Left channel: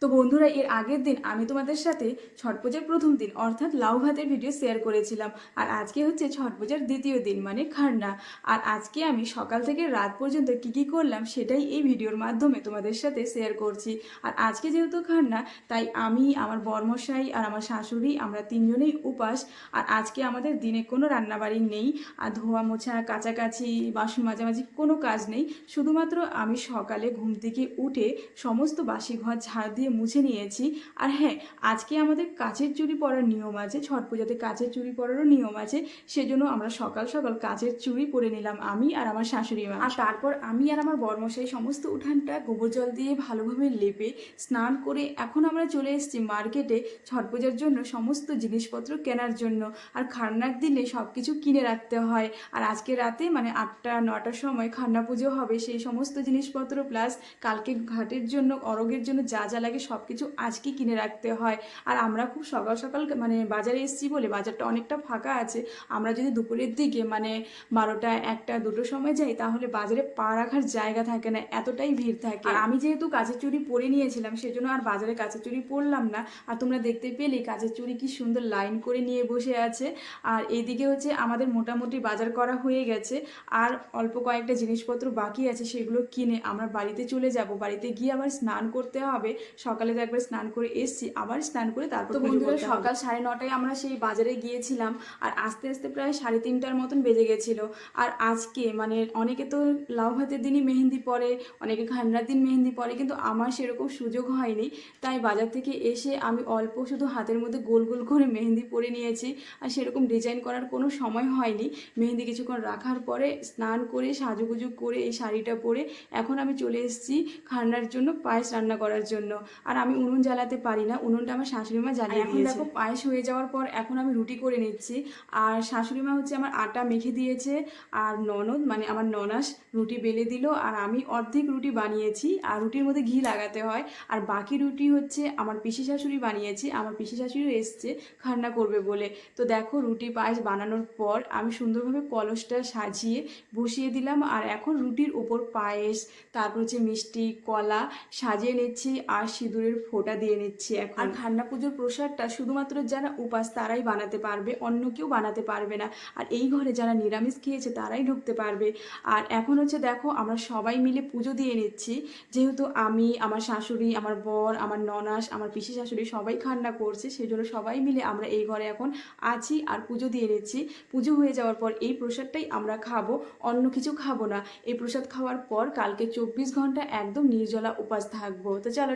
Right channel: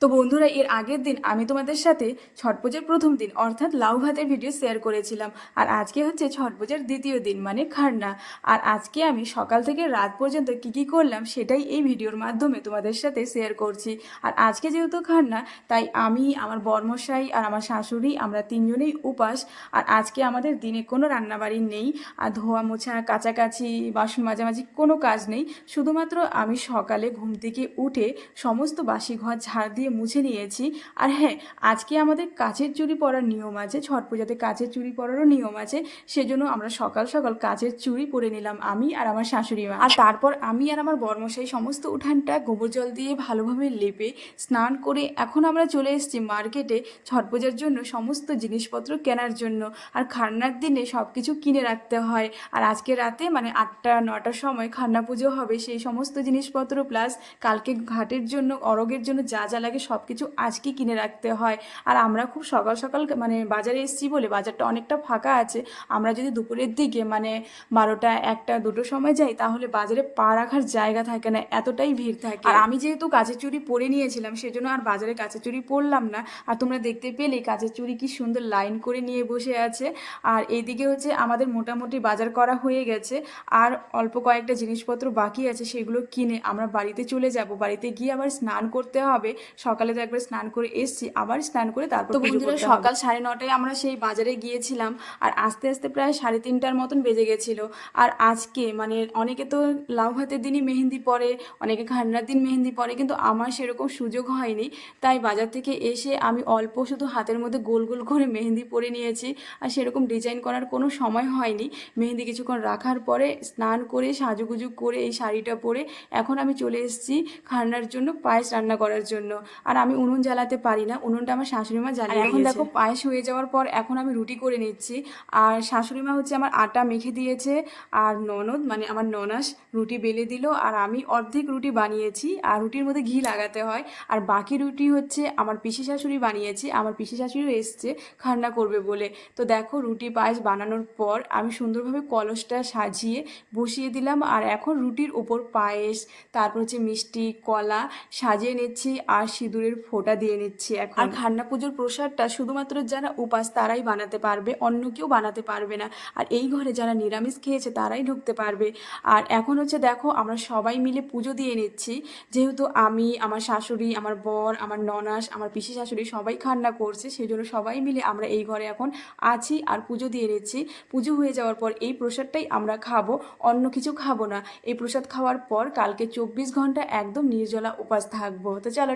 তো বন্ধুরা, এর আগের দিন আমি তোমাদের সাথে ছট পূজার প্রথম দিন অর্থাৎ লাউ ভাতের ভিডিও শেয়ার করেছিলাম। আর আজকে হচ্ছে ছট পূজার দ্বিতীয় দিন মানে খারনা। আর আজকে আমি সকাল থেকে রাত পর্যন্ত কি কি করলাম সেটাই এই ভিডিওর মাধ্যমে তোমাদের সাথে শেয়ার করছি। আর আজকে যেহেতু খারনা, তাই আমি, আমার বরমশাই আর আমার শাশুড়ি আমরা তিনজনেই উপাস। আর আজকে আমাদের দিনে কোনো রান্নাবাড়ি নেই, আর ধোয়া মোছা কাচাকাচি বাসন মাজামাজি কোনো কাজ নেই। শুধুমাত্র আমি সকালে ঘুম থেকে উঠে সমস্ত বাসি ঘর ঝাড় দিয়ে মুছে নিয়েছি। আর হ্যাঁ, আজকে আমাদের কাচের চুড়ি পরার নিয়ম আছে, ছট পূজাতে কাচের চুড়ি পরারও নিয়ম আছে। সেজন্য আমরা সকাল সকাল কাচের চুড়ি পরে নিলাম, আমি আর আমার শাশুড়ি মা। আর তারপর আমি আর আমার বর্মশাই সমস্ত উঠানটা গোবর জল দিয়ে ভালোভাবে লেপে স্নান করে এখন আমরা চলে এসেছি মার্কেটে ছট পূজার জন্য সমস্ত জিনিসপত্র কেনার জন্য। আর খারনার দিনে সব কিছু কিনে রাখতে হয়। আর আজকে রাতে মানে 8টা 9টার সময় খারনা পুজো হবে, সেই সমস্ত জিনিসপত্র প্লাস কালকে ঘাটের জন্য অরগের জন্য যা যা লাগে সব কিছু আজকে কিনে রাখতে হয়। আর আমরা খুব সকাল সকাল মানে বাজারে এসেছি বলে বাজারটা অনেকটা ফাঁকা আছে। আমরা যদি দুপুরের দিকে মানে 12টা 1টা 2টোর সময় যাই তাহলে বাজারে পা রাখার জায়গা থাকে না, এতটাই ভিড় থাকে। আর আমি যেহেতু কাঁচের চুড়ি পরে নিয়েছিলাম সেজন্য আর বাজারে কাঁচের চুড়ি পরলাম না। আর তোমরা দেখতে পেলে কাঁচের চুড়ি কি সুন্দর লাইন করে নিয়ে বসে আছে। আর এইদিকে হচ্ছে আমাদের মোটামুটি বাজার করা হয়ে গেছে। আর অল্প কয়েকটা জিনিসপত্র বাকি আছে, সেগুলো কিনে আমরা বাড়িতে চলে যাব। বাড়িতে গিয়ে আবার স্নান করতে হবে। সকালে তো একবার স্নান করে এসেছি, আবার স্নান করে তারপর তো বন্ধুরা সকাল 9:30টায় আমরা সেই বাজারে গিয়েছিলাম। আর আস্তে আস্তে প্রায় 3:30টার মতন বেজে গেছিলো। আর আজকে মানে অনেকে তো লাউ ভাতের দিনই মেহেন্দি পরে, অনেকে খান্নার দিন মেহেন্দি পরে, কিন্তু আমার সেরকম সুযোগ হয়নি। তাই বাজার থেকে এসে আমি অল্প শুধু হাতের মধ্যে গোল গোল করে মেহেন্দি পরে নিয়েছি। আর সেরকম ডিজাইন করার কোনো সময় হয়নি। মেহেন্দি কিছুক্ষণ রাখার পরে স্নান করে সাজুগুজু করে এই শাড়িটা পরে এখন আমি চলে এসেছি খান্নার জন্য পায়েস রান্না করার জন্য। আর আমি উনুন জ্বালাতে পারি না, উনুনটা আমার শাশুড়ি মা জ্বালিয়ে দিয়েছে। এখন দেখো পায়েস হয়ে যাওয়ার পর এখন আমি রুটি করে নিচ্ছি। আর শাশুড়ি মা হচ্ছে আমার আটা মেখে দিয়েছে, আর ননদ মানে আমার ননাস রুটি বেলে দিল। আর আমি অর্ধেক রুটি বানিয়েছি, আর রুটির মধ্যে ঘি লাগাতে হয়। আর বাকি রুটি হচ্ছে আমার পিসি শাশুড়ি বানিয়েছি, আমার পিসি শাশুড়িও এসছে খান্না করবে বলে। তো দেখো রুটি পায়েস বানানোর পর আমি সুন্দরভাবে কলসটা সাজিয়ে বসিয়ে দিলাম। আর এখন রুটির ওপর পায়েস, তারপর হচ্ছে মিষ্টি কলা সাজিয়ে নিচ্ছি আর সিঁদুরের ফোঁটা দিয়ে নিচ্ছি এখন। আর খান্না পুজোর প্রসাদটা শুধুমাত্র যারা উপাস তারাই বানাতে পারবে, অন্য কেউ বানাতে পারবে না। আর এই ঘরে যারা নিরামিষ খেয়েছে তারাই ঢুকতে পারবে। আর এখন হচ্ছে দেখো আমরা সবাই মিলে পুজো দিয়ে নিচ্ছি। যেহেতু আমি, আমার শাশুড়ি, আমার বর, আমার ননাস, আমার পিসি শাশুড়ি সবাই খান্না করছে, সেই জন্য সবাই মিলে আমরা এই ঘরে এখন আছি আর পুজো দিয়ে নিচ্ছি। পুজো হয়ে যাওয়ার পর এই প্রসাদটাই আমরা খাবো, অন্য কিছু খাবো না। এই প্রসাদ খাওয়ার পর কালকে 24 ঘন্টা একদম নির্জলা উপাস থাকবো। তো চলো।